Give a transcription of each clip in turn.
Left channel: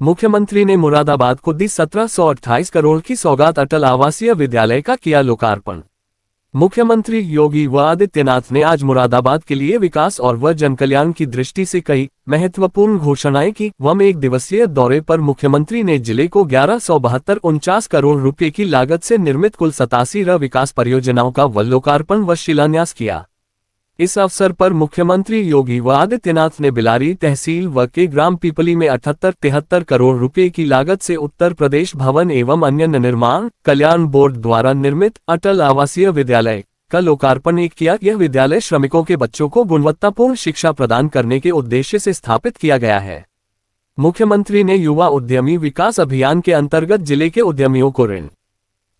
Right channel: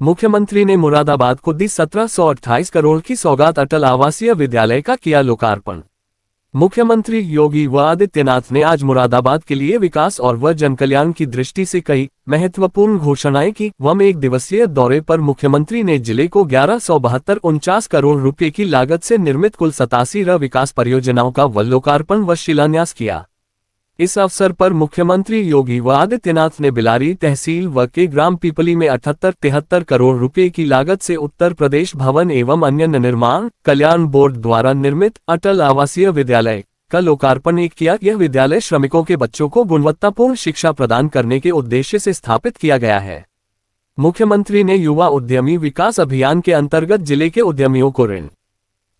मुख्यमंत्री ने मुरादाबाद को दी 1728 करोड़ की सौगात। अटल आवासीय विद्यालय का किया लोकार्पण। मुख्यमंत्री योगी आदित्यनाथ ने आज मुरादाबाद के लिए विकास और व जनकल्याण की दृष्टि से कई महत्वपूर्ण घोषणाएं की। एक दिवसीय दौरे पर मुख्यमंत्री ने जिले को 1172.49 करोड़ रुपए की लागत से निर्मित कुल 87 विकास परियोजनाओं का लोकार्पण व शिलान्यास किया। इस अवसर पर मुख्यमंत्री योगी आदित्यनाथ ने बिलारी तहसील व के ग्राम पीपली में 78-73 करोड़ रुपए की लागत से उत्तर प्रदेश भवन एवं अन्य निर्माण कल्याण बोर्ड द्वारा निर्मित अटल आवासीय विद्यालय का लोकार्पण किया। यह विद्यालय श्रमिकों के बच्चों को गुणवत्तापूर्ण शिक्षा प्रदान करने के उद्देश्य से स्थापित किया गया है। मुख्यमंत्री ने युवा उद्यमी विकास अभियान के अंतर्गत जिले के उद्यमियों को ऋण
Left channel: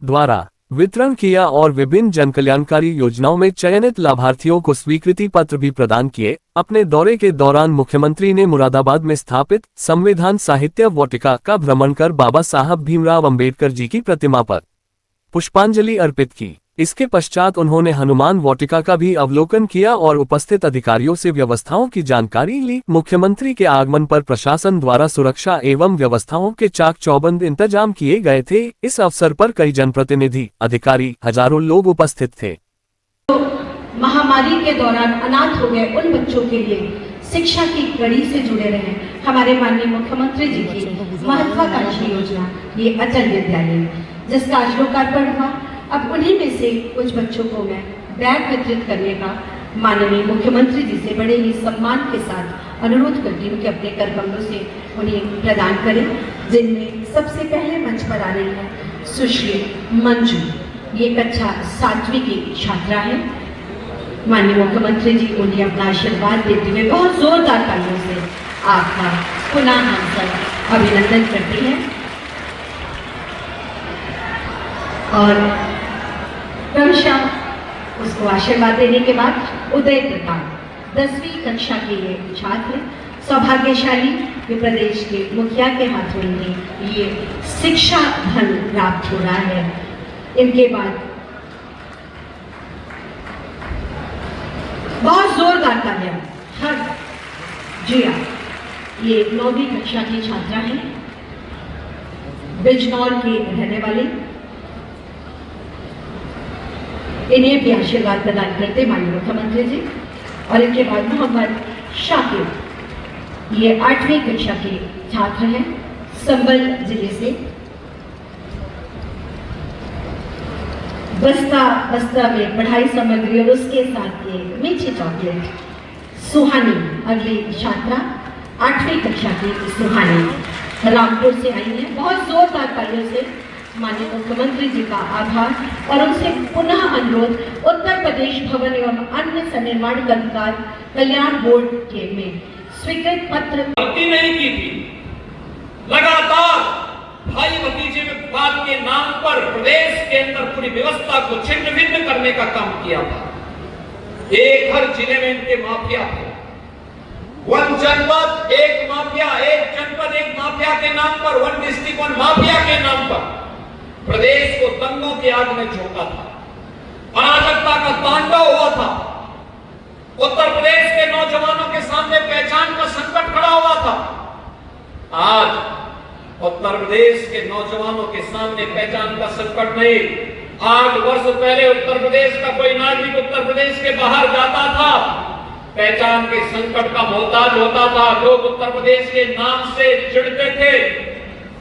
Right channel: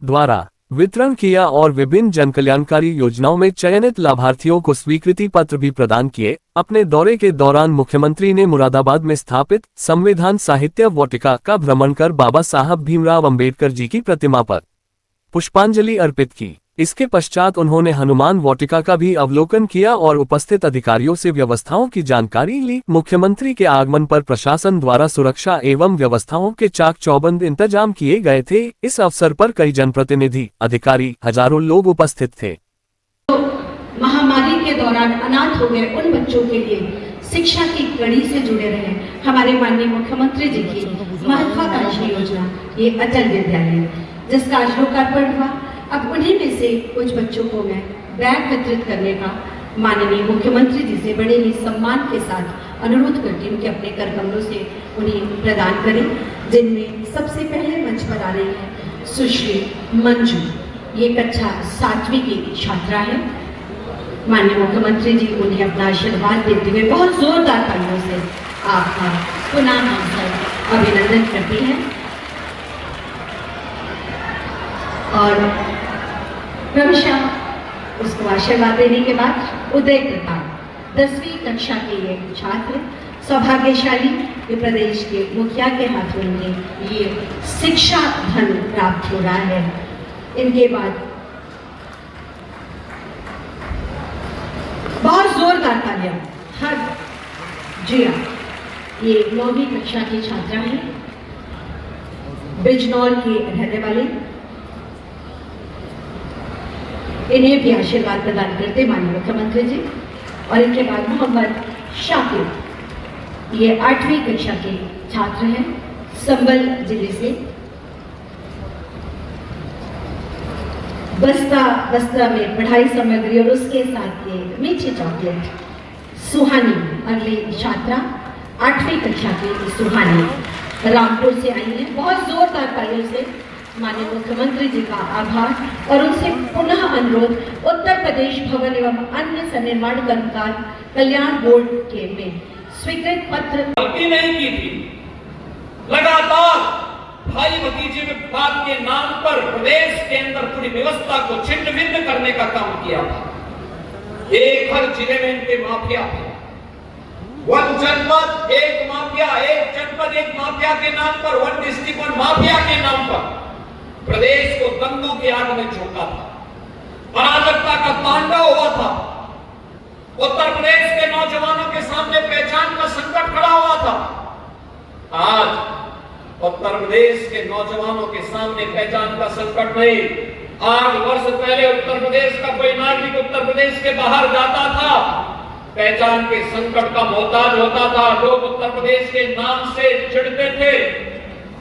द्वारा वितरण किया और विभिन्न जनकल्याणकारी योजनाओं में चयनित लाभार्थियों को स्वीकृति पत्र भी प्रदान किए। अपने दौरे के दौरान मुख्यमंत्री ने मुरादाबाद में स्थापित संविधान साहित्य वाटिका का भ्रमण कर बाबा साहब भीमराव अंबेडकर जी की प्रतिमा पर पुष्पांजलि अर्पित की। इसके पश्चात उन्होंने हनुमान वाटिका का भी अवलोकन किया और उपस्थित अधिकारियों से व्यवस्थाओं की जानकारी ली। मुख्यमंत्री के आगमन पर प्रशासन द्वारा सुरक्षा एवं व्यवस्थाओं के चाक चौबंद इंतजाम किए गए थे। इस अवसर पर कई जनप्रतिनिधि, अधिकारी, हजारों लोग उपस्थित थे। तो महामारी के दौरान अनाथ हो गए उन बच्चों के लिए शिक्षा की कड़ी से जुड़े रहे हमारे माननीय मुख्यमंत्री जी की महत्वाकांक्षी योजना ये अटल विद्यालय, जिसका आज लोकार्पण हुआ। अब उन्हीं में से कुछ बच्चों को मैं बैग वितरित करने का माननीय मुख्यमंत्री जी से बड़े ही सम्मान के साथ अनुरोध करती हूँ कि अपने कर कमलों से उन्हें प्रदान करें, जिनमें सबसे पहले मंच पर आ रही है सुश्री मंजू। ये कक्षा 7वीं की छात्रा है। माननीय मुख्यमंत्री जी उन्हें अपना आशीर्वाद देते हुए बहुत जोरदार तालियों से आपका पुनः हमसे अभिनंदन करते हैं। और क्रमशः उसको आशीर्वाद देने के बाद उदय प्रताप 10वीं कक्षा के ये छात्र सौभाग्यशाली जो प्रदेश के मुखिया के हाथ में उन्हें ये शिक्षा धन प्राप्त हो रहा है। इनके बाद बहुत जोरदार तालियां हर जिया, ये 9वीं कक्षा की छात्रा है, बिजनौर की रहने वाली। इन्हें भी आशीर्वाद प्रदान करते माननीय मुख्यमंत्री जी। और इनके बाद मोहम्मद शाकिर, ये 8वीं कक्षा के छात्र हैं, संबल जिले से। बस्ता में पढ़ाई सामग्री और उसके साथ ये मीठी चॉकलेट। सुहानी अगली छात्रा 8वीं कक्षा की सुहानी रामपुर से आई है। बहुत जोरदार तालियों से माननीय मुख्यमंत्री जी का आभार और उनसे पुनः अनुरोध, उत्तर प्रदेश भवन एवं अन्य सन्निर्माण कर्मकार कल्याण बोर्ड के में स्वीकृत पत्र नहीं की थी। लगातार भाई भतीजे में बात के नाम पर प्रदेश के अंदर पूरी व्यवस्था को छिन्न भिन्न करने का काम किया था। एक हर जिले में इनके माफिया थे। वन जनपद एक माफिया, एक जनपद एक माफिया के नाम पर, वन डिस्ट्रिक्ट वन माफिया के नाम पर प्रदेश को दंगों की आग में झोंका था। अराजकता का तांडव हुआ था। उत्तर प्रदेश के नौजवानों के सामने पहचान का संकट खड़ा हुआ था। आज उत्तर प्रदेश के नौजवानों के सामने पहचान का संकट नहीं। 8 वर्ष पहले उत्तर प्रदेश का कोई नागरिक उत्तर प्रदेश के बाहर जाता था, पहचान के संकट का मोहताज होता था। लोग उत्तर प्रदेश के नाम से चिढ़ते थे।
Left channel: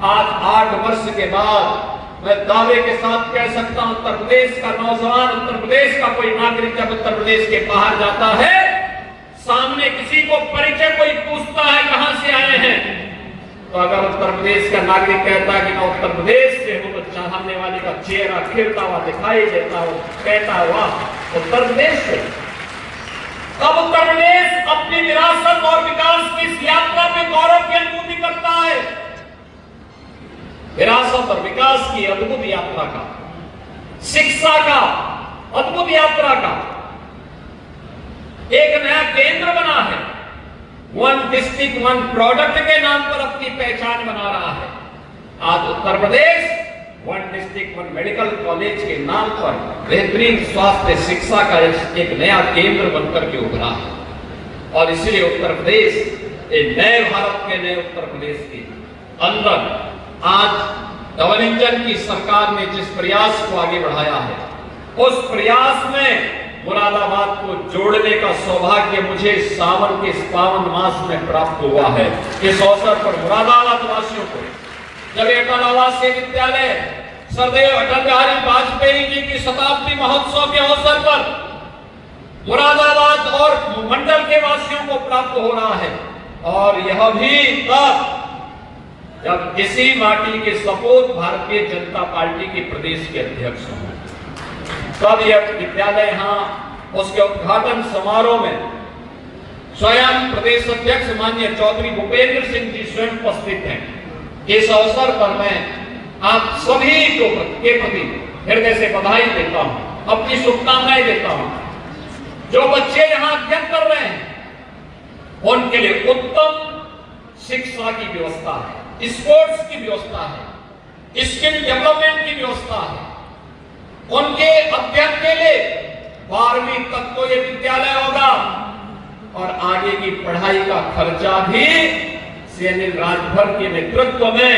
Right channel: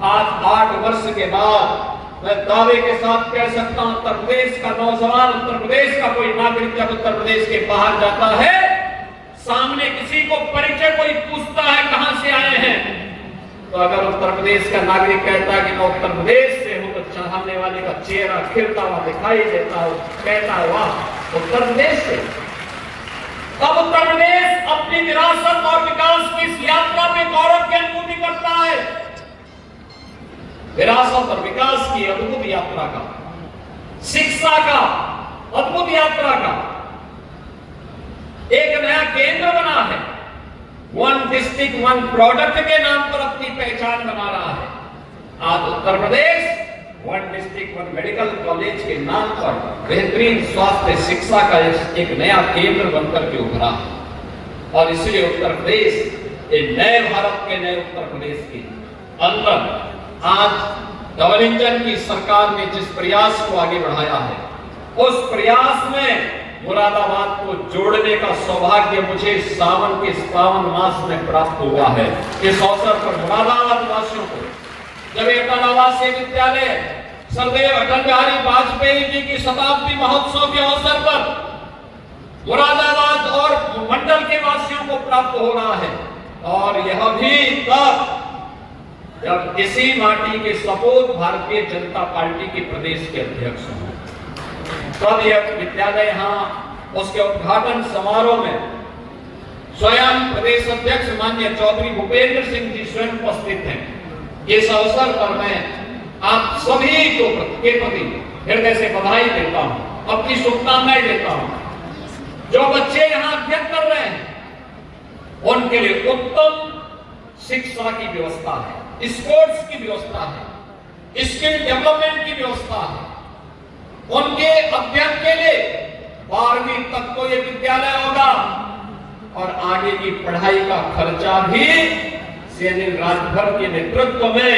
आज 8 वर्ष के बाद मैं दावे के साथ कह सकता हूं, उत्तर प्रदेश का नौजवान, उत्तर प्रदेश का कोई नागरिक जब उत्तर प्रदेश के बाहर जाता है, सामने किसी को परिचय कोई पूछता है कहां से आए हैं, तो अगर उत्तर प्रदेश का नागरिक कहता है कि मैं उत्तर प्रदेश से हूं, तो चाहने वाले का चेहरा खिलता हुआ दिखाई देता हो, कहता हुआ उत्तर प्रदेश से। अब उत्तर प्रदेश अपनी विरासत और विकास की इस यात्रा में गौरव की अनुभूति करता है। विरासत और विकास की अद्भुत यात्रा का, शिक्षा का अद्भुत यात्रा का एक नया केंद्र बना है। वन डिस्ट्रिक्ट वन प्रोडक्ट के नाम पर अपनी पहचान बना रहा है। आज Uttar Pradesh one district one medical college के नाम पर बेहतरीन स्वास्थ्य शिक्षा का एक नया केंद्र बनकर के उभरा। और इसलिए उत्तर प्रदेश नए भारत के नए उत्तर प्रदेश की अंदर आज डबल इंजन की सरकार ने जिस प्रयास को आगे बढ़ाया है, उस प्रयास में मुरादाबाद को जोड़ने का सौभाग्य मुझे सावन के पावन मास में प्राप्त हुआ है। इस अवसर पर मुरादाबाद वासियों को जब एक आवासीय विद्यालय सरदेव अटल बिहारी वाजपेयी जी की शताब्दी महोत्सव के अवसर पर मुरादाबाद और मंडल के वासियों को प्राप्त हो रहा है, और यह भी तब जब इसी माटी के सपूत भारतीय जनता पार्टी के प्रदेश के अध्यक्ष हों, तब यह विद्यालय यहाँ उसके उद्घाटन समारोह में स्वयं प्रदेश अध्यक्ष माननीय चौधरी भूपेंद्र सिंह जी स्वयं उपस्थित हैं। इस अवसर पर मैं आप सभी को के प्रति हृदय से बधाई देता हूं, अपनी शुभकामनाएं देता हूं। जो बच्चे यहाँ अध्ययन कर रहे हैं उनके लिए उत्तम शिक्षा की व्यवस्था है, स्पोर्ट्स की व्यवस्था है, स्किल डेवलपमेंट की व्यवस्था है। उनके अध्ययन के लिए 12वीं तक तो ये विद्यालय होगा, और आगे की पढ़ाई का खर्चा भी सीएम राजभर के नेतृत्व में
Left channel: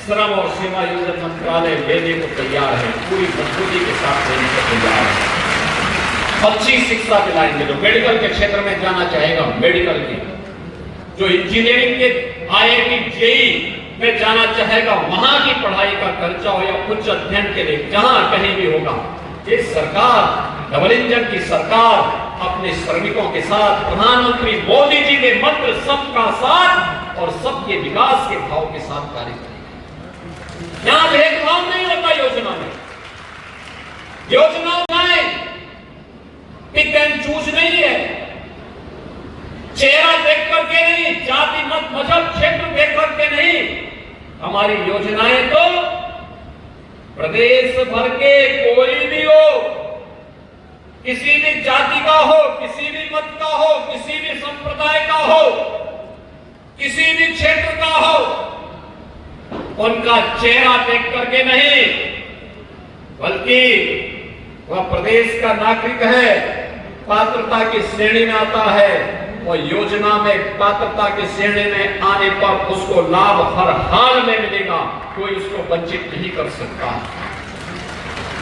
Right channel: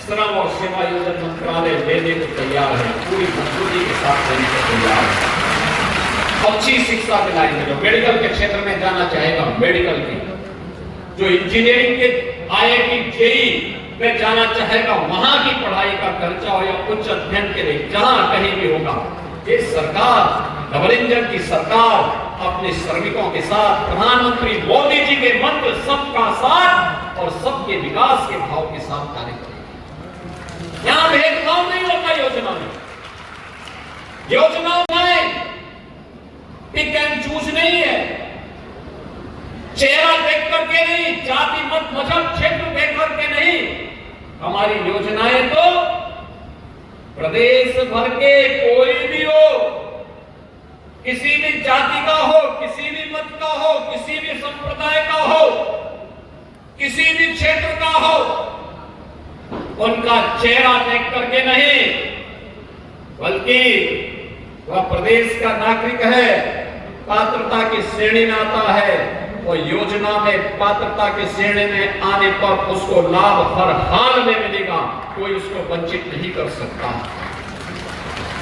श्रम और सीमा योजना मंत्रालय देने को तैयार है, पूरी मजबूती के साथ देने को तैयार है। अच्छी शिक्षा दिलाएंगे। जो मेडिकल के क्षेत्र में जाना चाहेगा, मेडिकल की, जो इंजीनियरिंग के IIT JEE में जाना चाहेगा, वहां की पढ़ाई का खर्चा या उच्च अध्ययन के लिए जहां कहीं भी होगा, ये सरकार, डबल इंजन की सरकार अपने श्रमिकों के साथ प्रधानमंत्री मोदी जी के मंत्र सबका साथ और सबके विकास के भाव के साथ कार्य करेगी। यहां भेदभाव नहीं होता योजना में। योजना में पिक एंड चूज नहीं है, चेहरा देख करके नहीं, जाति मत मजहब क्षेत्र देख करके नहीं। हमारी योजनाएं तो प्रदेश भर के कोई भी हो, किसी भी जाति का हो, किसी भी मत का हो, किसी भी संप्रदाय का हो, किसी भी क्षेत्र का हो, उनका चेहरा देख करके नहीं, बल्कि वह प्रदेश का नागरिक है, पात्रता की श्रेणी में आता है, और योजना में पात्रता की श्रेणी में आने पर उसको लाभ हर हाल में मिलेगा, कोई उसको वंचित नहीं कर सकता।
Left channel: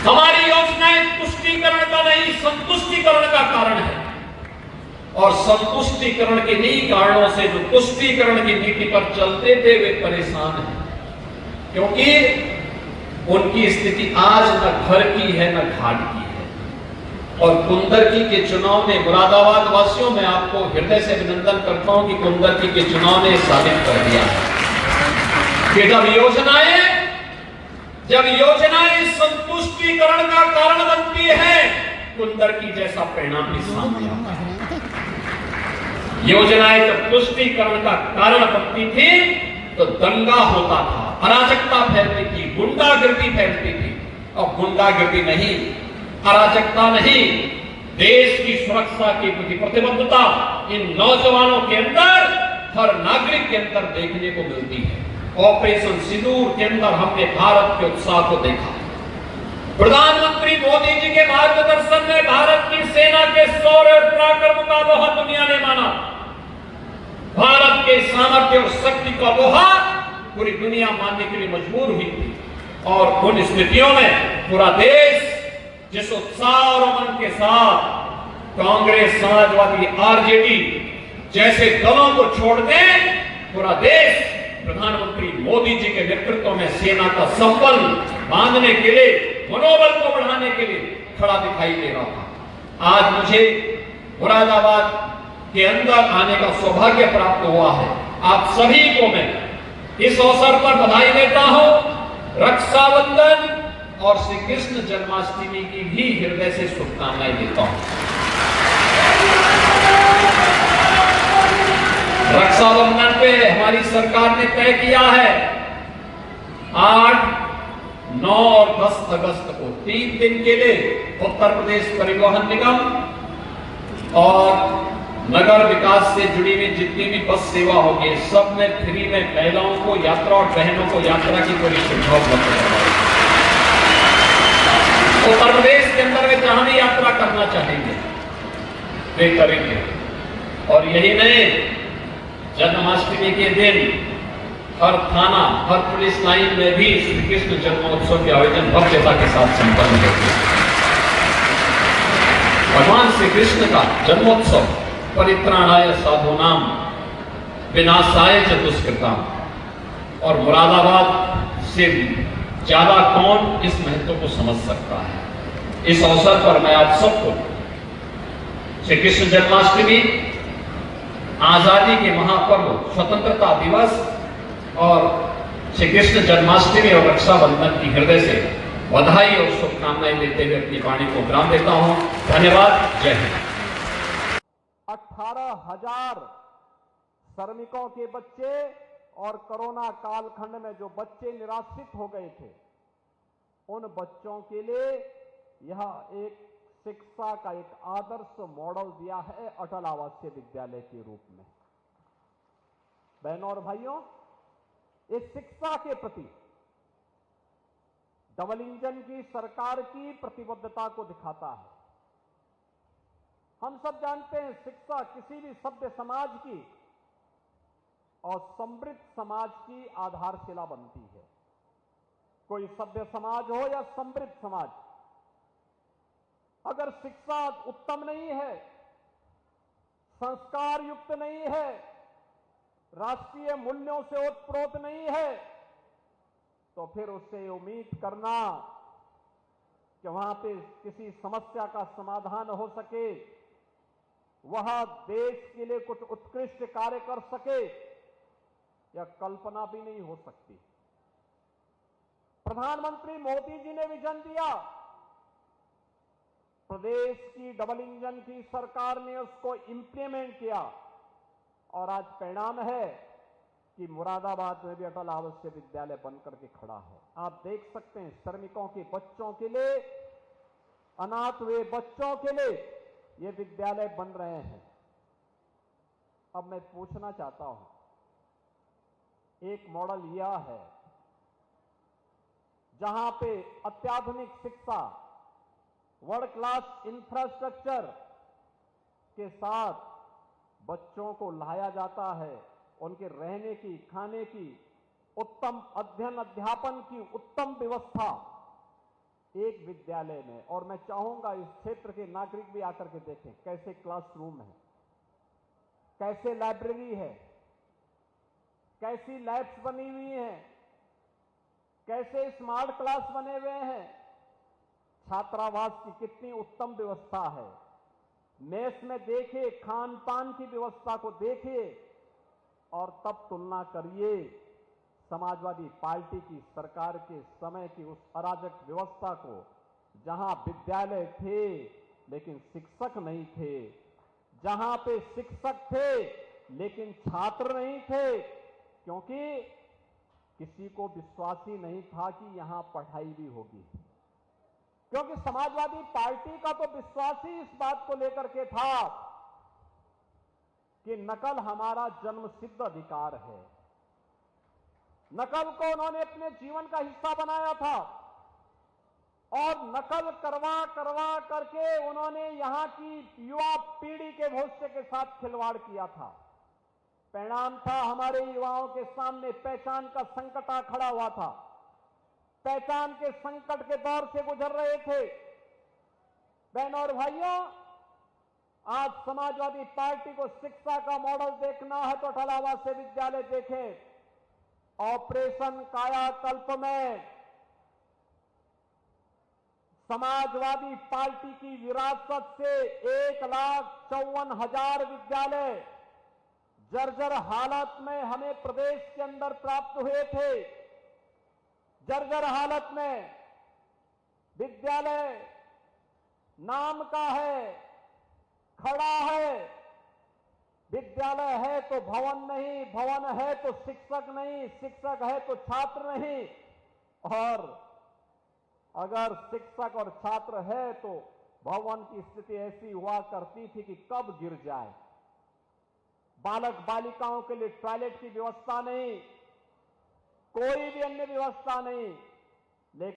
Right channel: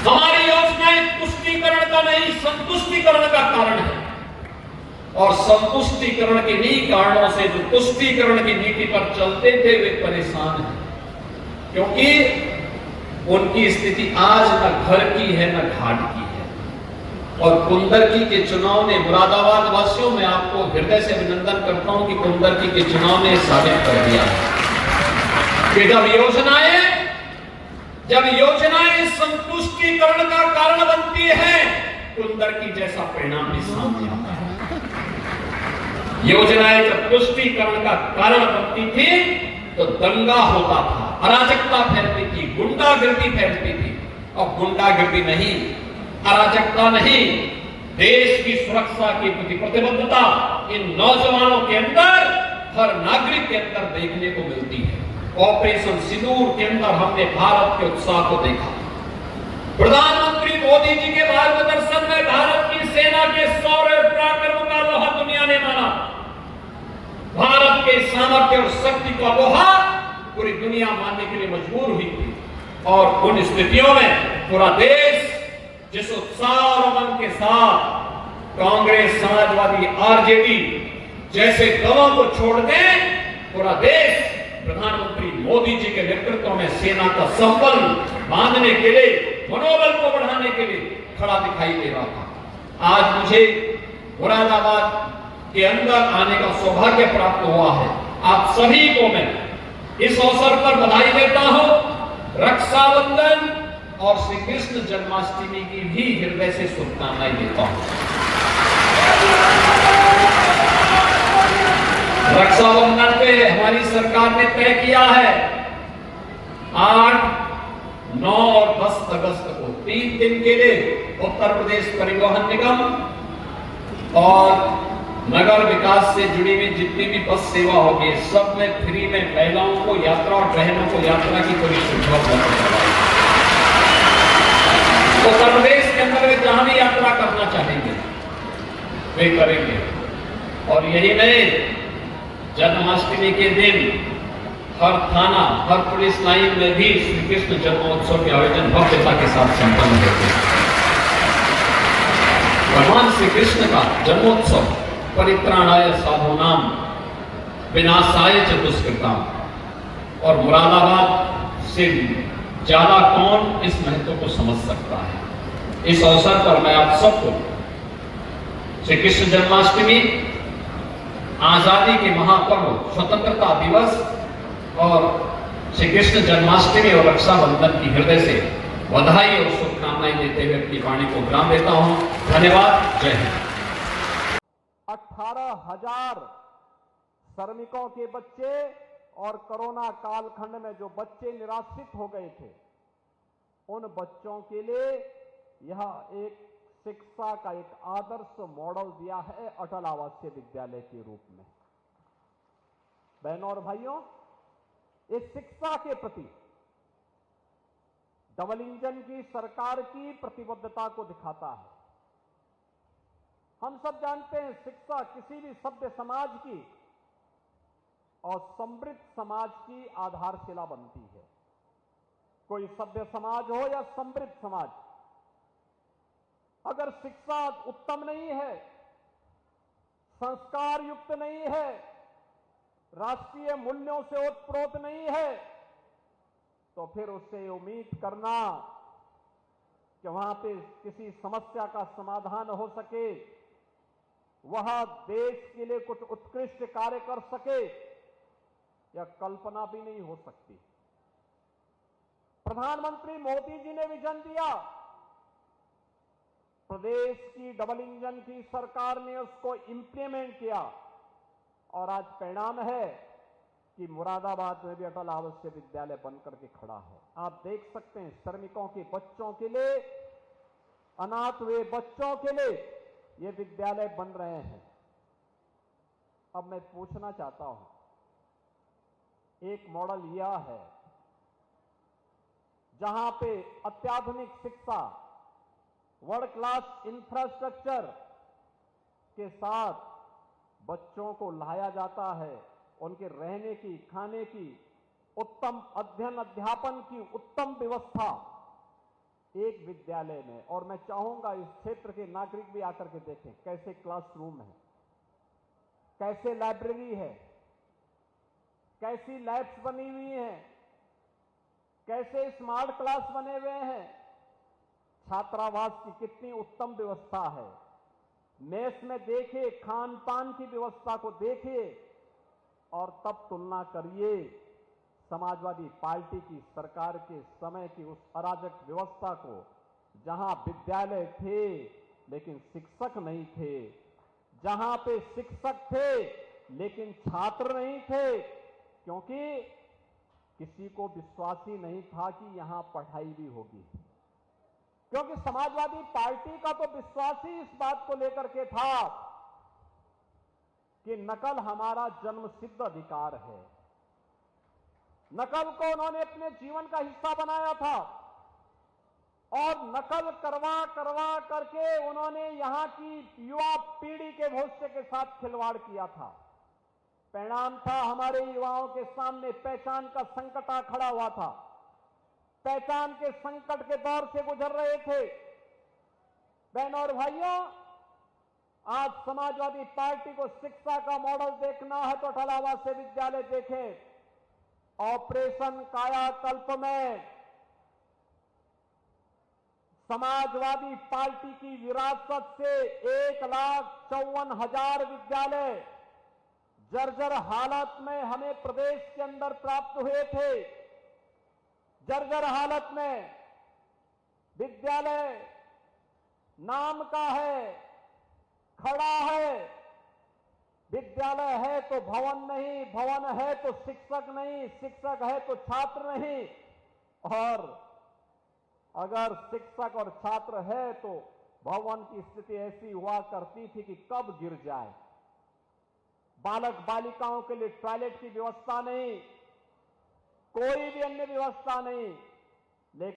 हमारी योजनाएं तुष्टीकरण का नहीं, संतुष्टीकरण का कारण है, और संतुष्टीकरण के इन्हीं कारणों से जो तुष्टीकरण की नीति पर चलते थे वे परेशान हैं, क्योंकि उनकी स्थिति आज न घर की है न घाट की है। और कुंदरकी के चुनाव में मुरादाबाद वासियों में आपको हृदय से अभिनंदन करता हूं कि कुंदरकी के चुनाव ने साबित कर दिया कि जब योजनाएं संतुष्टीकरण का कारण बनती है, कुंदरकी जैसा परिणाम भी सामने आता है। योजनाएं जब तुष्टीकरण का कारण बनती थी तो दंगा होता था, अराजकता फैलती थी, गुंडागर्दी फैलती थी। अब गुंडागर्दी नहीं, अराजकता नहीं, देश की सुरक्षा की प्रति प्रतिबद्धता इन नौजवानों के अंदर, हर नागरिक के अंदर देखने को मिलती है। ऑपरेशन सिंदूर के अंदर हमने भारत के उत्साह को देखा। प्रधानमंत्री मोदी जी के मार्गदर्शन में भारत की सेना के शौर्य और पराक्रम का लोहा दुनिया ने माना। भारत के सामर्थ्य और शक्ति का लोहा पूरी दुनिया मानने के लिए मजबूर हुई थी, और उन स्थितियों में पूरा देश जिस उत्साह और उमंग के साथ कांग्रेस, समाजवादी, आरजेडी जैसे दलों को छोड़ दे, पूरा देश प्रधानमंत्री मोदी जी के नेतृत्व में सेना का संबल बांधने के लिए, मनोबल को बढ़ाने के लिए खड़ा दिखाई दे रहा था। आज मुझे मुरादाबाद के अंदर आने का सौभाग्य प्राप्त हुआ है। आप सभी को मैं इस अवसर पर बधाई देता हूं। रक्षाबंधन और श्री कृष्ण जन्माष्टमी की भी हृदय से शुभकामनाएं देता हूं। रक्षाबंधन पे हमारी सरकार ने तय किया है 8, 9 और 10 अगस्त को 3 दिन के लिए उत्तर प्रदेश परिवहन निगम और नगर विकास से जुड़ी हुई जितनी भी बस सेवा होगी, सब में फ्री में महिलाओं को यात्रा और बहनों को यात्रा की पूरी सुविधा उपलब्ध है। उत्तर प्रदेश के अंदर वे जहां भी यात्रा करना चाहेंगे वे करेंगे। और यही नहीं, जन्माष्टमी के दिन हर थाना, हर पुलिस लाइन में भी श्री कृष्ण जन्मोत्सव के आयोजन भव्यता के साथ संपन्न होते हैं। भगवान श्री कृष्ण का जन्मोत्सव परित्राणाय साधूनाम विनाशाय च दुष्कृताम, और मुरादाबाद से ज्यादा कौन इस महत्व को समझ सकता है। इस अवसर पर मैं आप सबको श्री कृष्ण जन्माष्टमी, आजादी के महापर्व स्वतंत्रता दिवस और श्री कृष्ण जन्माष्टमी और रक्षाबंधन की हृदय से बधाई और शुभकामनाएं देते हुए अपनी वाणी को विराम देता हूं। धन्यवाद। जय हिंद। 18,000 श्रमिकों के बच्चे और कोरोना कालखंड में जो बच्चे निराश्रित हो गए थे, उन बच्चों के लिए यह एक शिक्षा का एक आदर्श मॉडल दिया है अटल आवासीय विद्यालय के रूप में। बहनों और भाइयों, इस शिक्षा के प्रति डबल इंजन की सरकार की प्रतिबद्धता को दिखाता है। हम सब जानते हैं, शिक्षा किसी भी सभ्य समाज की और समृद्ध समाज की आधारशिला बनती है। कोई सभ्य समाज हो या समृद्ध समाज, अगर शिक्षा उत्तम नहीं है, संस्कार युक्त नहीं है, राष्ट्रीय मूल्यों से ओतप्रोत नहीं है, तो फिर उससे उम्मीद करना कि वहां पे किसी समस्या का समाधान हो सके, वह देश के लिए कुछ उत्कृष्ट कार्य कर सके, यह कल्पना भी नहीं हो सकती। प्रधानमंत्री मोदी जी ने विजन दिया, प्रदेश की डबल इंजन की सरकार ने उसको इंप्लीमेंट किया, और आज परिणाम है कि मुरादाबाद में भी अटल आवासीय विद्यालय बनकर के खड़ा है। आप देख सकते हैं, श्रमिकों के बच्चों के लिए, अनाथ हुए बच्चों के लिए ये विद्यालय बन रहे हैं। अब मैं पूछना चाहता हूं, एक मॉडल यह है जहां पे अत्याधुनिक शिक्षा, वर्ल्ड क्लास इंफ्रास्ट्रक्चर के साथ बच्चों को लाया जाता है, उनके रहने की, खाने की, उत्तम अध्ययन अध्यापन की उत्तम व्यवस्था एक विद्यालय में। और मैं चाहूंगा इस क्षेत्र के नागरिक भी आकर के देखें कैसे क्लासरूम है, कैसे लाइब्रेरी है, कैसी लैब्स बनी हुई हैं, कैसे स्मार्ट क्लास बने हुए हैं, छात्रावास की कितनी उत्तम व्यवस्था है। मेस में देखिए, खान पान की व्यवस्था को देखिए और तब तुलना करिए समाजवादी पार्टी की सरकार के समय की उस अराजक व्यवस्था को, जहां विद्यालय थे लेकिन शिक्षक नहीं थे, जहां पे शिक्षक थे लेकिन छात्र नहीं थे, क्योंकि किसी को विश्वास ही नहीं था कि यहां पढ़ाई भी होगी। क्योंकि समाजवादी पार्टी का तो विश्वास ही इस बात को लेकर के था कि नकल हमारा जन्मसिद्ध अधिकार है। नकल को उन्होंने अपने जीवन का हिस्सा बनाया था और नकल करवा करवा करके उन्होंने यहां की युवा पीढ़ी के भविष्य के साथ खिलवाड़ किया था। परिणाम था, हमारे युवाओं के सामने पहचान का संकट आ खड़ा हुआ था। पहचान के संकट के दौर से गुजर रहे थे। बहनों और भाइयों, आज समाजवादी पार्टी को शिक्षा का मॉडल देखना है तो अटल आवासीय विद्यालय देखें। ऑपरेशन कायाकल्प में समाजवादी पार्टी की विरासत से 1,54,000 विद्यालय जर्जर हालत में हमें प्रदेश के अंदर प्राप्त हुए थे। जर्जर हालत में विद्यालय नाम का है, खड़ा है। विद्यालय है तो भवन नहीं, भवन है तो शिक्षक नहीं, शिक्षक है तो छात्र नहीं, और अगर शिक्षक और छात्र है तो भवन की स्थिति ऐसी हुआ करती थी कि कब गिर जाए। बालक बालिकाओं के लिए टॉयलेट की व्यवस्था नहीं, कोई भी अन्य व्यवस्था नहीं।